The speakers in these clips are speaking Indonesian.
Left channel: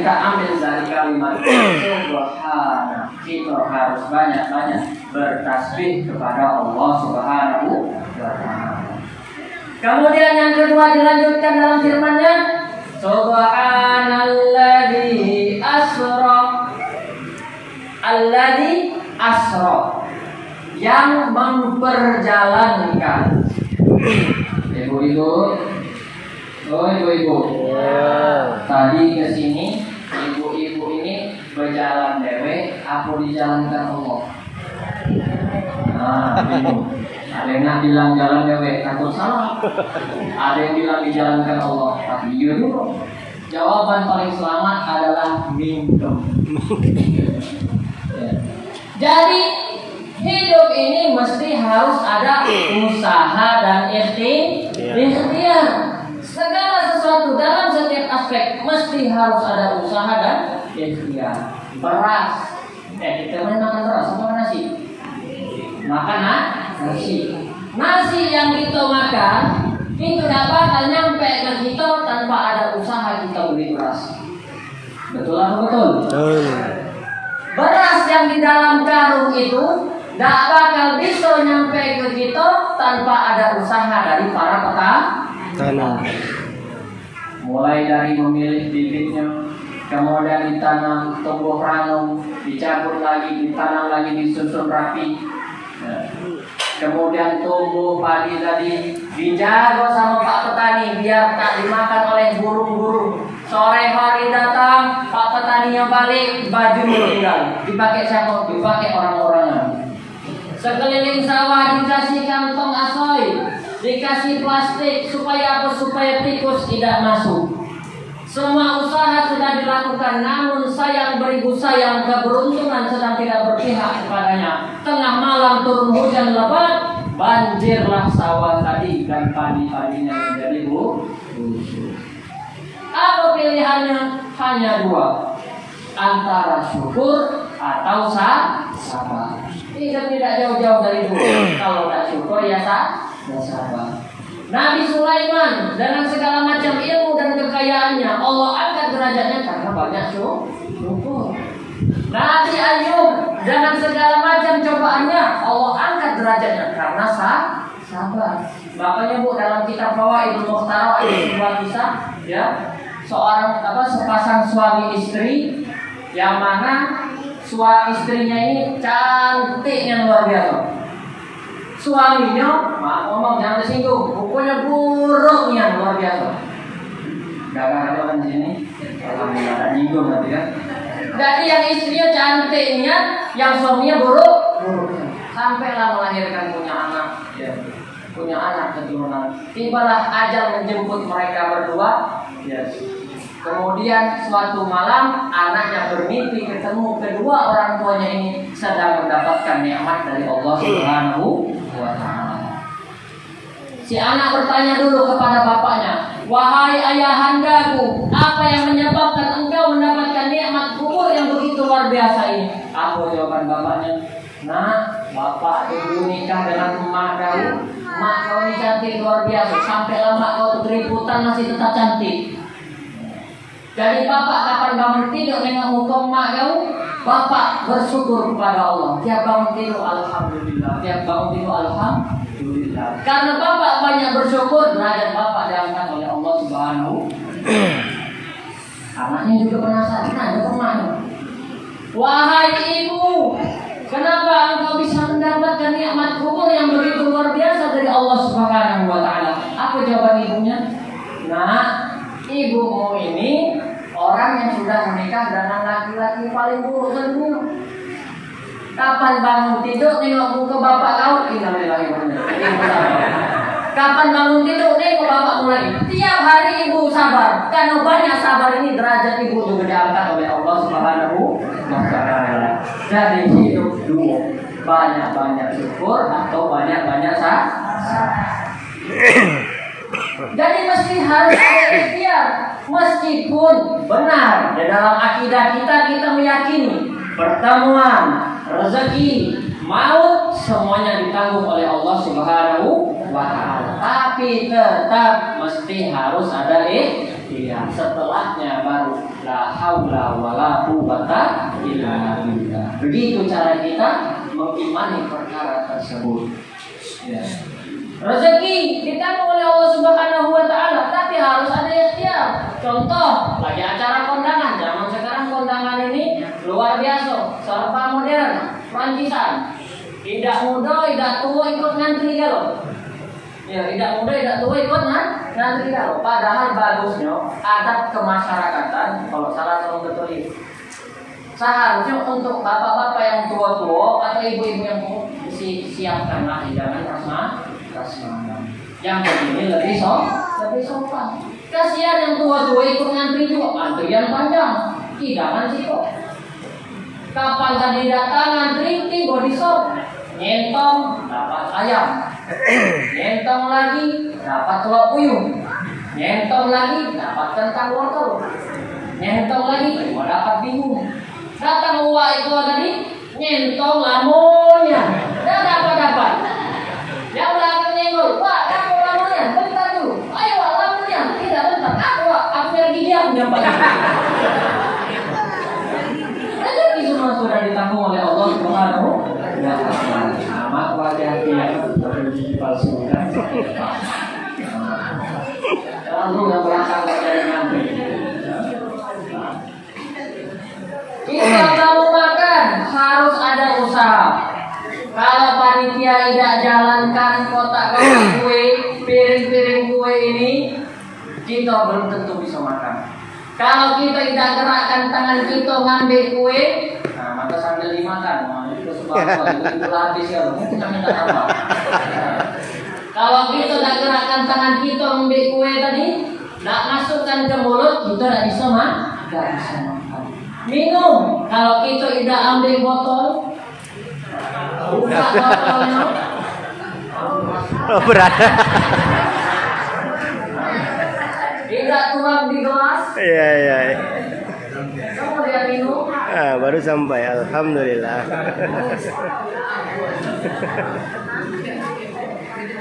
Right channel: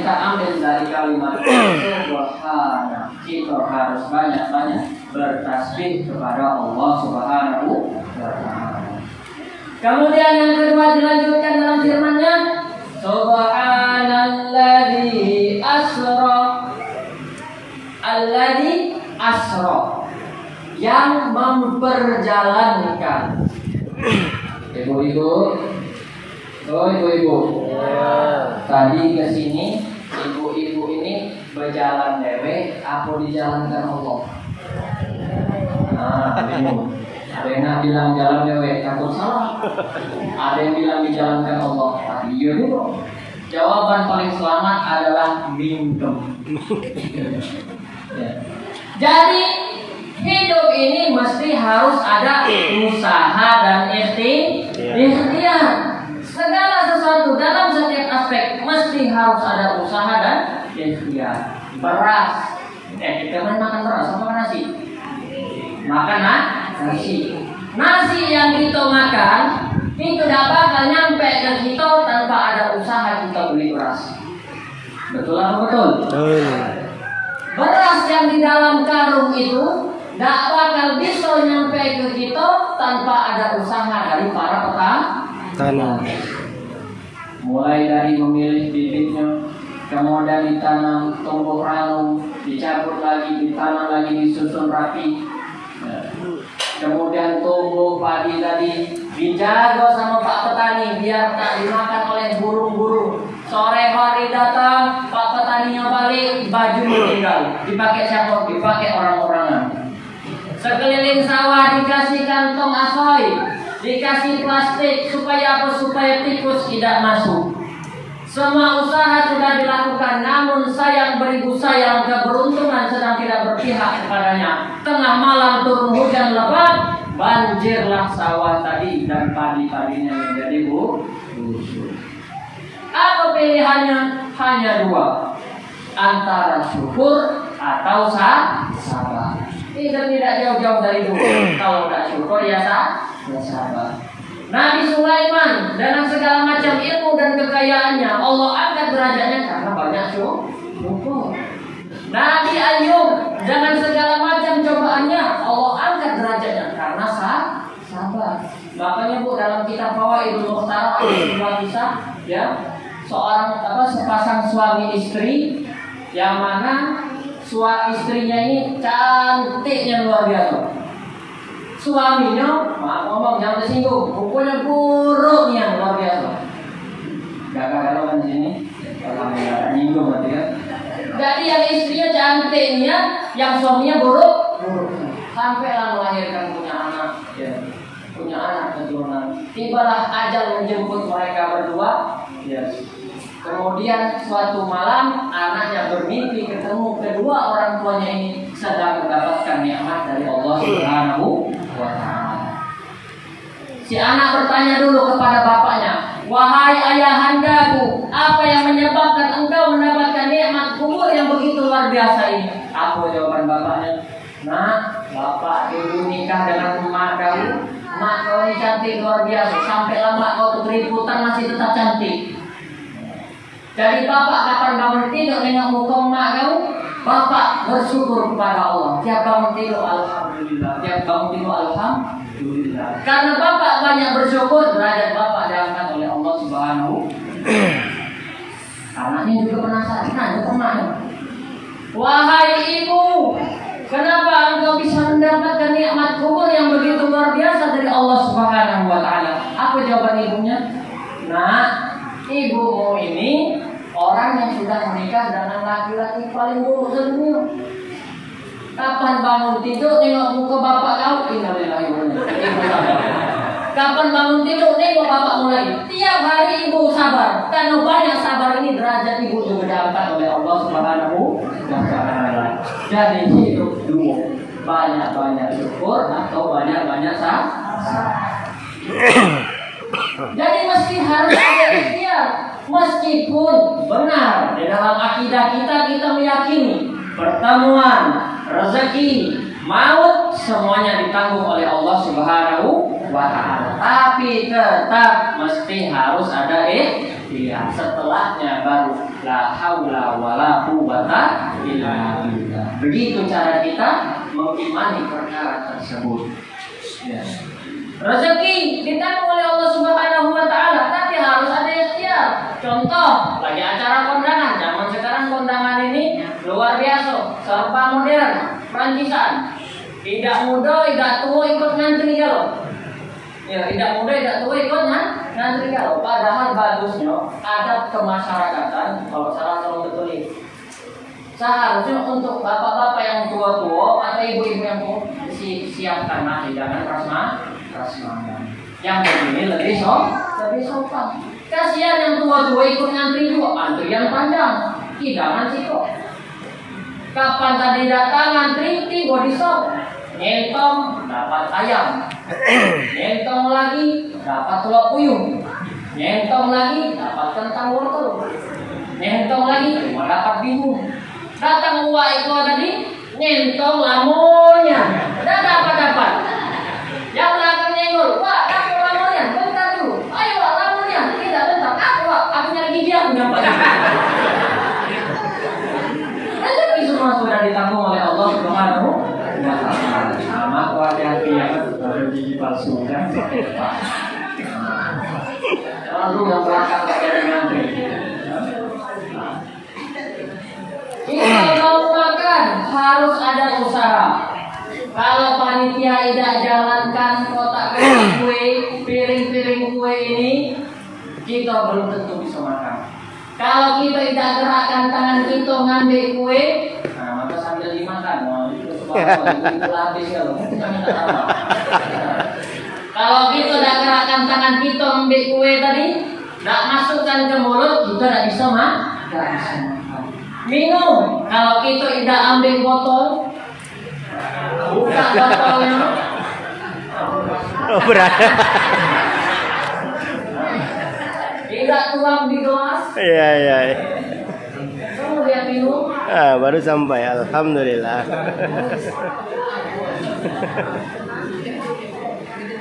kita ambil dari kalimat subhana, kita harus banyak-banyak bertasbih kepada Allah Subhanahu wa ta'ala. Kemudian yang kedua dilanjutkan dalam firman-Nya, subhanalladzi asra, alladzi asra, yang memperjalankan. Ibu-ibu, tadi ke sini ibu-ibu ini berjalan dewe, apa dijalankan Allah? Nah, ada yang bilang jalan dewe, takut salah. Ada yang bilang dijalankan Allah. Iya dulu. Jawaban paling selamat adalah minum. Ya. Jadi hidup ini mesti harus ada usaha dan ikhtiar. Segala sesuatu dalam setiap aspek mesti harus ada usaha dan ikhtiar. Beras, kita makan beras apa nasi? Makan nasi. Nasi yang kita makan itu tidak bakal nyampe ke kita tanpa ada usaha kita beli beras. Betul atau betul? Betul. Beras yang di dalam karung itu tidak bakal bisa nyampe ke kita tanpa ada usaha dari para petani. Mulai dari memilih bibitnya, kemudian ditanam, tumbuh ranum, dicabut lagi, ditanam lagi, disusun rapi. Kemudian tumbuh padi tadi, dijaga sama Pak Petani biar tak dimakan oleh burung-burung. Sore hari datang, Pak Petaninya balik, bajunya tinggal. Dipakai siapa? Dipakai orang-orangan. Sekeliling sawah dikasih kantong asoy, dikasih plastik supaya apa? Supaya tikus tidak masuk. Semua usaha sudah dilakukan, namun sayang beribu sayang keberuntungan sedang tidak berpihak kepadanya. Tengah malam turun hujan lebat, banjirlah sawah tadi dan padi-padinya menjadi busuk. Apa pilihannya? Hanya dua, antara syukur atau sabar. Tidak jauh-jauh dari dulu. Kalau tidak syukur ya sabar. Nabi Sulaiman dengan segala macam ilmu dan kekayaannya, Allah angkat derajatnya karena banyak syukur. Nabi Ayub dengan segala macam cobaannya, Allah angkat derajatnya karena sabar. Makanya Bu, dalam kitab Fawaidul Mukhtarah ada sebuah kisah, ya, sepasang suami istri yang mana istrinya ini cantiknya luar biasa. Suaminya, maaf ngomong jangan tersinggung, pokoknya buruknya luar biasa. Gagal kan di sini, alhamdulillah tak nyinggung berarti ya. Jadi yang istrinya cantiknya, yang suaminya buruk. Sampailah melahirkan punya anak keturunan. Tibalah ajal menjemput mereka berdua. Yes. Kemudian suatu malam anaknya bermimpi ketemu kedua orang tuanya ini sedang mendapatkan nikmat dari Allah Subhanahu wa ta'ala. Si anak bertanya dulu kepada bapaknya, "Wahai ayahandaku, apa yang menyebabkan engkau mendapatkan nikmat kubur yang begitu luar biasa ini?" Apa jawaban bapaknya? "Nah, bapak dulu nikah dengan emak kau. Emak kau ini cantik luar biasa. Sampai lama kau keributan masih tetap cantik. Jadi bapak kapan bangun tidur nengok muka emak kau, bapak bersyukur kepada Allah. Tiap bangun tidur alhamdulillah. Karena bapak banyak bersyukur, derajat bapak diangkat oleh Allah Subhanahu. Anaknya juga penasaran, nanya ke emaknya, "Wahai ibu, kenapa engkau bisa mendapatkan nikmat kubur yang begitu luar biasa dari Allah Subhanahu wa ta'ala?" Apa jawaban ibunya? "Nah, ibumu ini orang yang sudah menikah dengan laki-laki paling buruk sedunia. Kapan bangun tidur nengok muka bapak kau, innalillahi wa inna ilaihi raji'un. Kapan bangun tidur nengok bapak mulai. Tiap hari ibu sabar. Karena banyak sabar ini derajat ibu juga diangkat oleh Allah Subhanahu wa ta'ala. Jadi hidup dua, banyak-banyak syukur atau banyak-banyak sabar. Jadi mesti harus ada ikhtiar. Meskipun benar di dalam akidah kita meyakini pertemuan, rezeki, maut semuanya ditanggung oleh Allah Subhanahu wa ta'ala. Tapi tetap mesti harus ada ikhtiar. Setelahnya baru la haula wala quwwata illa billah. Begitu cara kita mengimani perkara tersebut. Ya. Rezeki ditanggung oleh Allah Subhanahu wa taala, tapi harus ada ikhtiar. Contoh, lagi acara kondangan, zaman sekarang kondangan ini luar biasa, serba modern, Francisan. Tidak muda, tidak tua ikut ngantri kalau. Ya, tidak muda, tidak tua ikut ngantri kalau. Padahal bagusnya adat kemasyarakatan, kalau salah tolong betul ini. Seharusnya untuk bapak-bapak yang tua-tua atau ibu-ibu yang siapkan nasi, jangan prasmanan. Yang begini lebih sopan. Kasihan yang tua-tua ikut ngantri juga, antrian panjang. Jangan sih kok. Kapan tadi datang ngantri, tiba di sop. Nyentong dapat ayam. Nyentong lagi dapat telur puyuh. Nyentong lagi dapat kentang wortel. Nyentong lagi dapat bihun. Datang uang itu tadi nyentong lamonnya. Tidak dapat. Yang belakang nyenggol, Pak, aku lamonnya, bentar dulu. Ayo Pak, lamonnya, tidak bentar. Aku nyari gigi aku nyampe. Rezeki semua sudah ditanggung oleh Allah Subhanahu wa taala. Sama hati-hati ya, ada gigi palsu kan. Lalu yang belakang tidak ada ngantri. Kita mau makan harus ada usaha. Kalau panitia tidak jalankan kotak-kotak kue, piring-piring kue ini, kita belum tentu bisa makan. Kalau kita tidak gerakkan tangan kita ngambil kue, nah maka sambil dimakan. Nah, itu sebab itu habis ya loh. Kita minta tambah. Kalau kita tidak gerakkan tangan kita ngambil kue tadi, tidak masukkan ke mulut, kita tidak bisa makan. Minum, kalau kita tidak ambil botol, buka botolnya. Oh, berat. Tidak tuang di gelas. Iya. Kemudian minum. Baru sampai, alhamdulillah.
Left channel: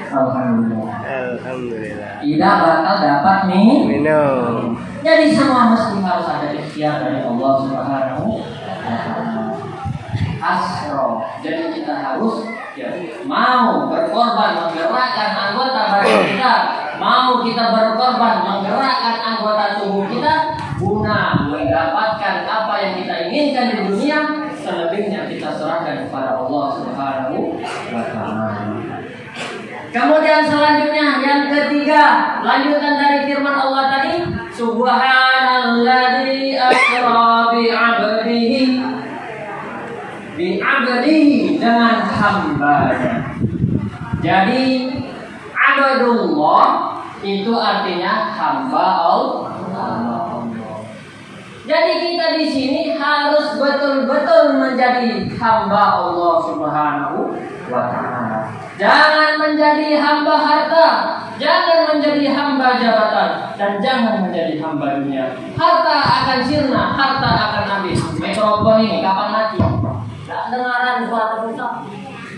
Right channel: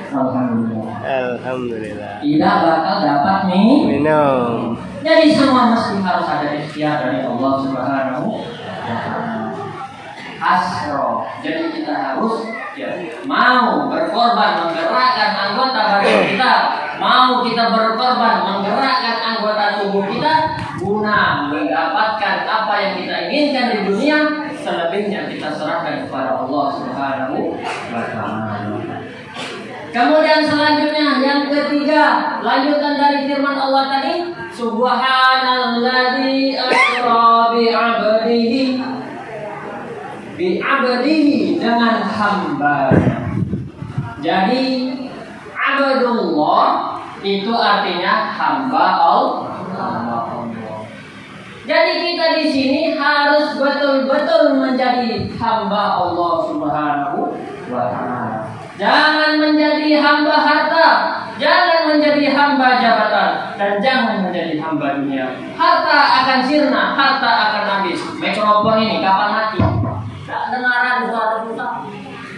Alhamdulillah. Tidak bakal dapat minum. Jadi semua mesti harus ada ikhtiar dari Allah Subhanahu wa taala. Asro. Jadi kita harus mau berkorban menggerakkan anggota badan kita, mau kita berkorban menggerakkan anggota tubuh kita guna mendapatkan apa yang kita inginkan di dunia. Selebihnya kita serahkan kepada Allah Subhanahu wa taala. Kemudian selanjutnya yang ketiga, lanjutan dari firman Allah tadi, Subhanalladzi asra bi'abdihi dengan hambanya. Jadi abdullah itu artinya hamba Allah. Jadi kita di sini harus betul-betul menjadi hamba Allah Subhanahu wa taala. Jangan menjadi hamba harta, jangan menjadi hamba jabatan, dan jangan menjadi hamba dunia. Harta akan sirna, harta akan habis. Mikrofon ini kapan mati? Tak dengaran suara kita,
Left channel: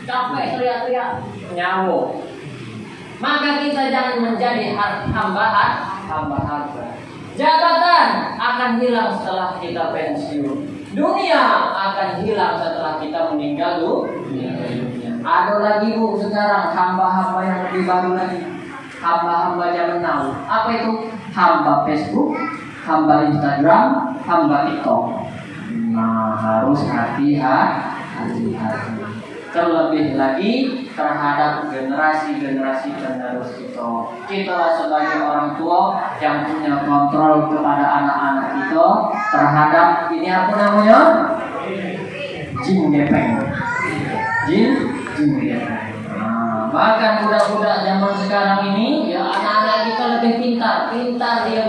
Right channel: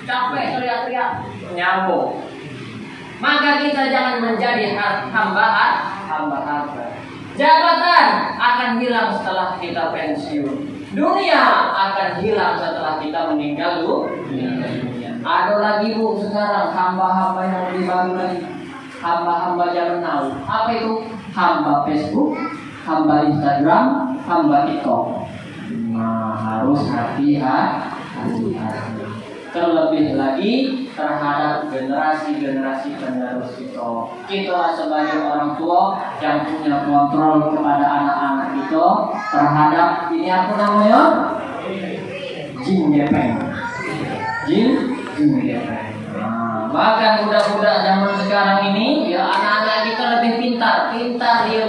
capek teriak-teriak, nyawa. Maka kita jangan menjadi hamba harta. Jabatan akan hilang setelah kita pensiun. Dunia akan hilang setelah kita meninggal dunia. Ada lagi bu sekarang hamba-hamba yang lebih baru lagi, hamba-hamba zaman now. Apa itu? Hamba Facebook, hamba Instagram, hamba TikTok. Nah harus hati-hati. Terlebih lagi terhadap generasi-generasi penerus kita. Kita sebagai orang tua yang punya kontrol kepada anak-anak kita terhadap ini apa namanya? Jin gepeng. Bahkan budak-budak zaman sekarang ini, ya anak-anak kita lebih pintar dia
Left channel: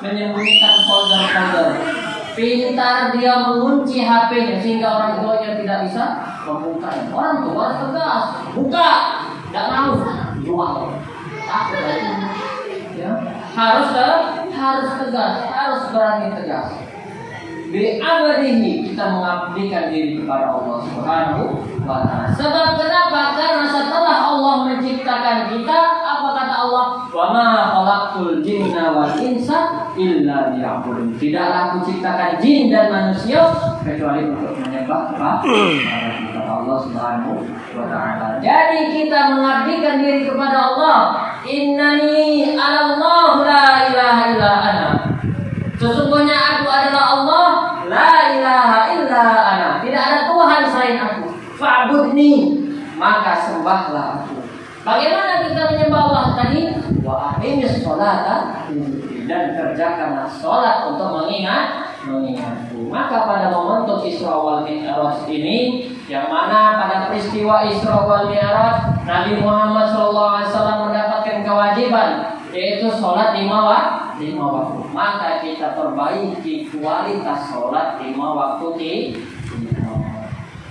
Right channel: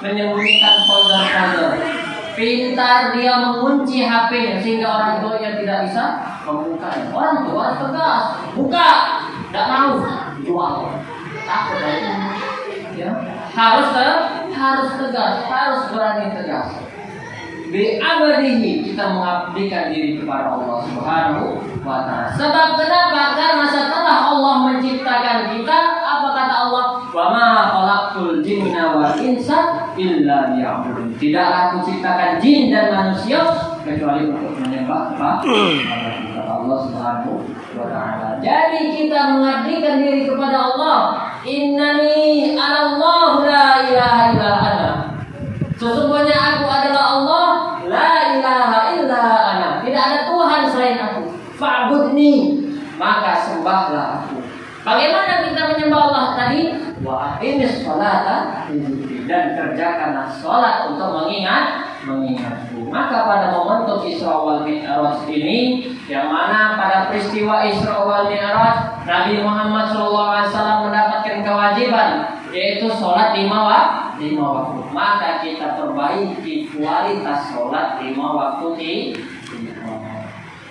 menyembunyikan folder-folder. Pintar dia mengunci HP-nya sehingga orang tuanya tidak bisa membuka. Orang tua tegas, buka, tidak mau, jual. Takut itu. Ya, harus tegas, harus berani tegas. bi abadihi, kita mengabdikan diri kepada Allah Subhanahu wa ta'ala. Sebab kenapa? Karena setelah Allah menciptakan kita, apa kata Allah? Wa ma khalaqtul jinna wal insa illa liya'budun. Tidaklah aku ciptakan jin dan manusia kecuali untuk menyembah kepada Allah Subhanahu wa ta'ala. Jadi kita mengabdikan diri kepada Allah. Innani anallahu la ilaha illa ana. Sesungguhnya aku adalah Allah, la ilaha illa ana. Tidak ada Tuhan selain aku. Fa'budni, maka sembahlah aku. Bagaimana kita menyembah Allah tadi? Wa aqimis sholata dan kerjakanlah sholat untuk mengingatku. Maka pada momentum Isra wal Mi'raj ini, yang mana pada peristiwa Isra wal Mi'raj Nabi Muhammad SAW mendapatkan kewajiban yaitu sholat 5 waktu. Maka kita perbaiki kualitas sholat 5 waktu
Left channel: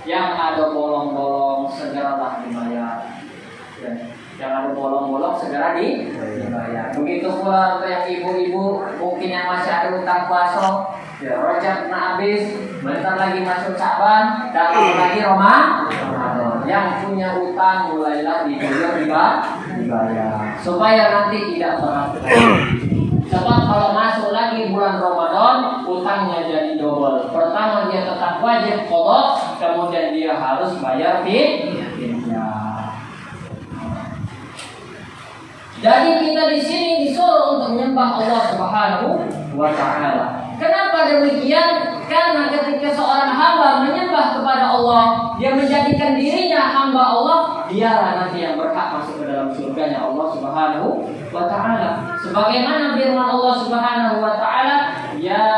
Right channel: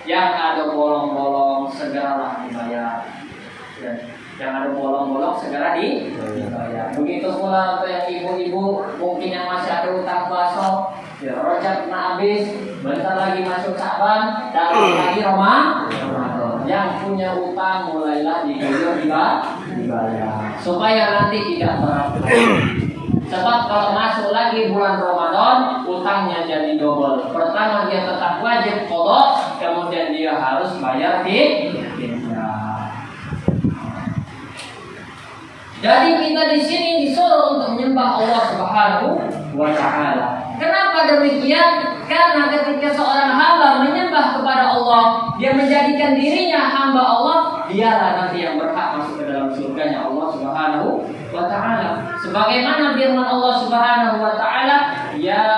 yang ada bolong-bolong segeralah dibayar. Yang ada bolong-bolong segera dibayar. Begitu pula untuk yang ibu-ibu mungkin yang masih ada utang puasa, ya Rajab nak habis, bentar lagi masuk Sa'ban, dan lagi Ramadan. Yang punya utang mulailah dibayar supaya nanti tidak berat. Sebab kalau masuk lagi bulan Ramadan, utangnya jadi double. Pertama dia tetap wajib qadha, kemudian dia harus bayar fidyah. Jadi kita di sini disuruh untuk menyembah Allah Subhanahu wa ta'ala. Kenapa demikian? Karena ketika seorang hamba menyembah kepada Allah, dia menjadikan dirinya hamba Allah, dialah nanti yang berhak masuk ke dalam surganya Allah Subhanahu wa ta'ala. Sebagaimana firman Allah Subhanahu wa ta'ala, ya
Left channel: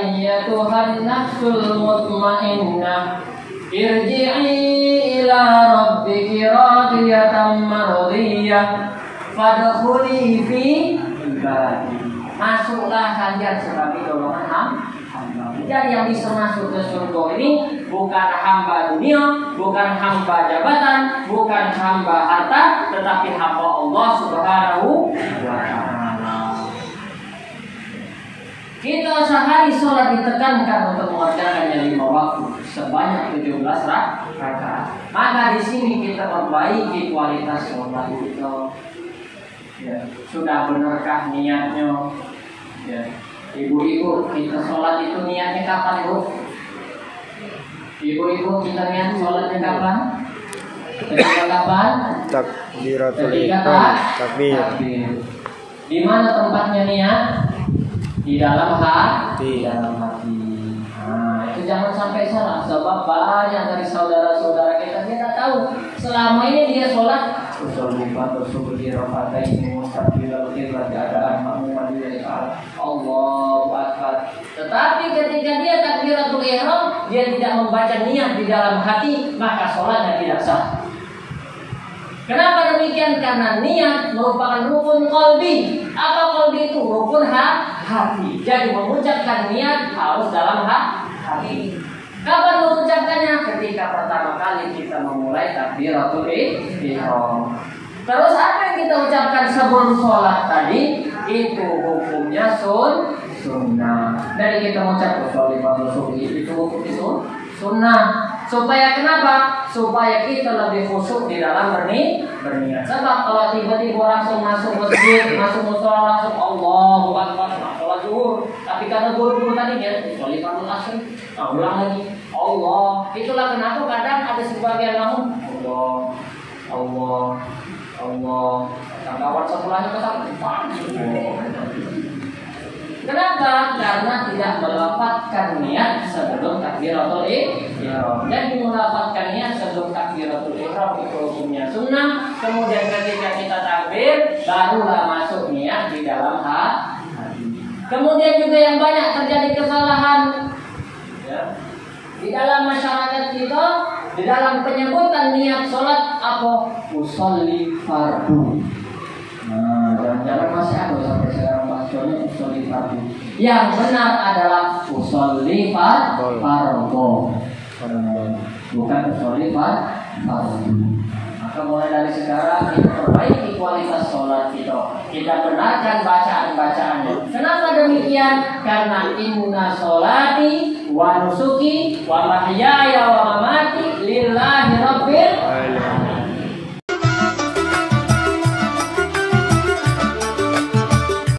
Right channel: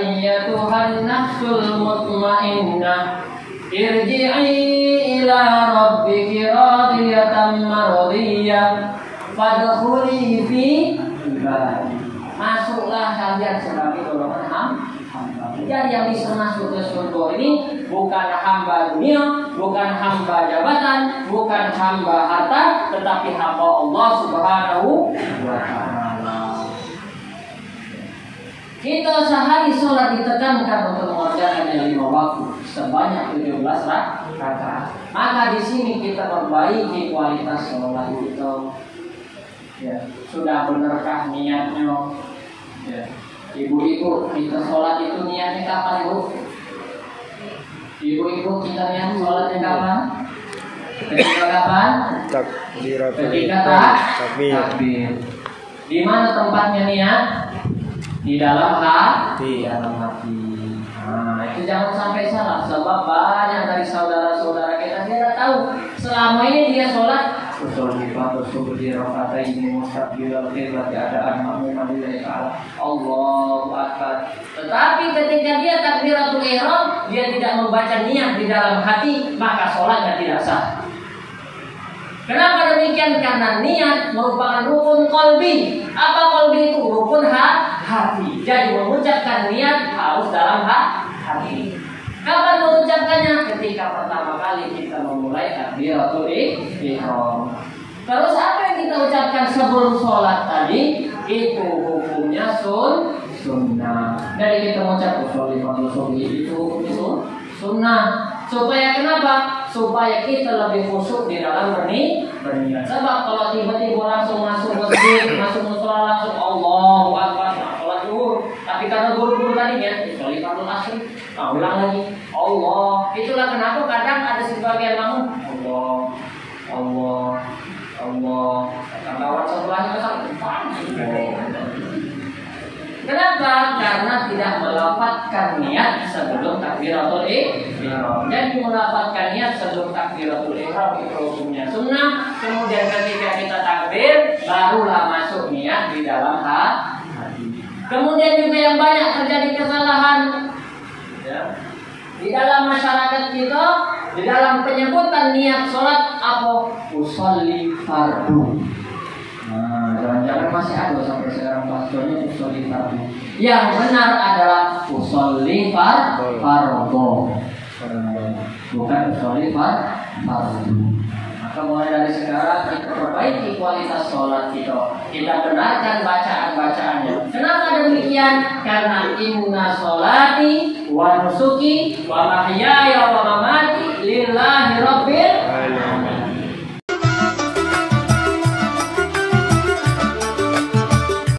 ayyatuhan nafsul mutmainnah irji'i ila rabbiki radiyatan mardiyah fadkhuli fi ibadi. Masuklah kalian sebagai golongan hamba. Jadi yang bisa masuk ke surga ini bukan hamba dunia, bukan hamba jabatan, bukan hamba harta, tetapi hamba Allah Subhanahu wa ta'ala. Kita sehari sholat ditekankan untuk mengerjakannya 5 waktu sebanyak 17 rakaat. Maka di sini kita perbaiki kualitas sholat kita. Ya, sudah benarkah niatnya? Ya. Ibu-ibu, kita sholat itu niatnya kapan, Bu? Ibu-ibu, kita niat sholatnya kapan? Ketika kapan? Takbiratul ihram. Takbir. Di mana tempatnya niat? Di dalam hati. Nah, itu jangan sampai salah. Sebab banyak dari saudara-saudara kita tidak tahu. Selama ini dia sholat Allahu Akbar. Tetapi ketika dia takbiratul ihram, dia tidak membaca niat di dalam hati, maka sholatnya tidak sah. Kenapa demikian? Karena niat merupakan rukun qalbi. Apa qalbi itu? Rukun hati. Jadi mengucapkan niat harus dalam hati. Kapan mengucapkannya? Ketika pertama kali kita memulai takbiratul ihram. Terus apa yang kita ucapkan sebelum sholat tadi? Itu hukumnya sunnah. Dari kita mengucap itu hukum sunnah. Supaya kenapa? Supaya kita lebih khusyuk di dalam berniat. Sebab kalau tiba-tiba langsung masuk masjid, masuk mushola langsung Allahu Akbar, sholat zuhur. Tapi karena guru-guru tadi ya, sholat asar, ulang lagi Allah. Itulah kenapa kadang ada sebagian kamu Allah. Kawan sebelahnya kata kenapa? Karena tidak melafazkan niat sebelum takbiratul ihram. Jadi melafazkan niat sebelum takbiratul ihram itu hukumnya sunnah. Kemudian ketika kita takbir, barulah masuk niat di dalam hati. Kemudian juga yang banyak terjadi kesalahan ya, di dalam masyarakat kita, di dalam penyebutan niat sholat apa? Usolli fardu. Nah, jangan-jangan masih ada sampai sekarang bahasanya usolli fardu. Yang benar adalah usolli fardu, bukan usolli fardu. Maka mulai dari sekarang kita perbaiki kualitas sholat kita. kita benarkan bacaan-bacaannya. Kenapa demikian? Karena inna sholati wa nusuki wa mahyaya wa mamati lillahi rabbil alamin.